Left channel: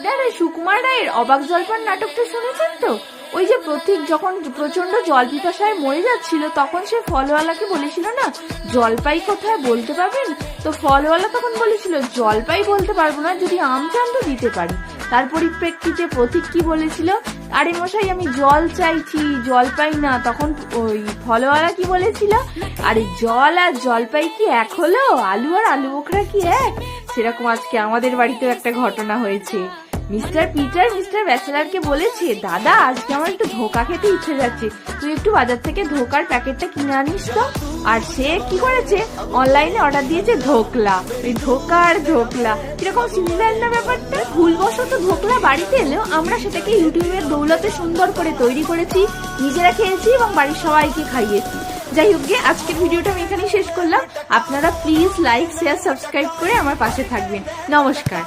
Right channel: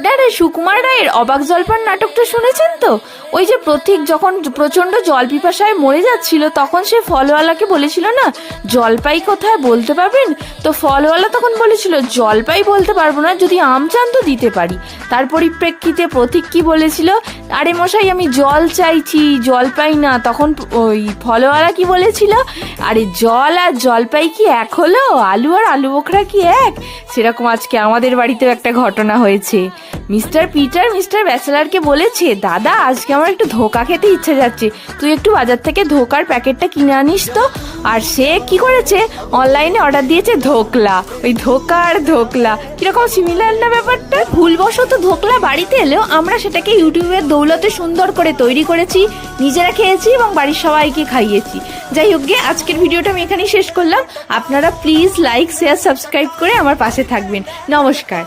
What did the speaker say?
আপনারা সুকুমার রায়ের অবাক জলপান নাটকটা শুনেছেন তো? ওই যে প্রতীক যখন প্রচন্ড জল পিপাসায় মরে যাচ্ছিল, তখন সে ফলওয়ালাকে বলেছিল না, জলপাই কোথায় বলতে পারবেন? তো ফলওয়ালা তখন বলেছিল, জলপাই বলতে পারবো না, যদি আম চান তো দিতে পারি। তার পরিপ্রেক্ষিতে প্রতীক কি বলেছিল, আরে মশাই আমি জল চাইছি, জলপাই না। তখন ওই ফলওয়ালা কি বলেছিল, আরে জল আর জলপাই কি এক হলো? আলু আর আলু বোখরা কি এক? সেরকম আজকে আমাদের বাড়িতেও একটা ঘটনা হয়েছে। মিস্টার পিটার মিস্টার ব্যাচেলারকে বলেছে, দাদা আজকে আমার একটু ধোকা খেতে ইচ্ছে যাচ্ছে, তুই একটু বাজার থেকে ধোকার প্যাকেটটা কিনে আনিস তো। আর সে কি করেছে, অনলাইনে অর্ডার দিয়েছে ধোকলা। ওই ধোকা আর ধোকলা কিরকম সিমিলার না ব্যাপারটা? ভুলবশত ধোকলা বাড়িতে এলেও আমরা সেটাকে ইউটিউবের দৌলতে সুন্দর করে তৈরি করেছি, নিজেরা খেয়েছি এবং বাড়ির সবাইকে খাইয়েছি। যাই হোক গে, আজকের ভিডিওটা আমি এখানেই শেষ করলাম। আপনারা প্লিজ লাইক শেয়ার সাবস্ক্রাইব করে আমার পাশে থাকবেন। নমস্কার।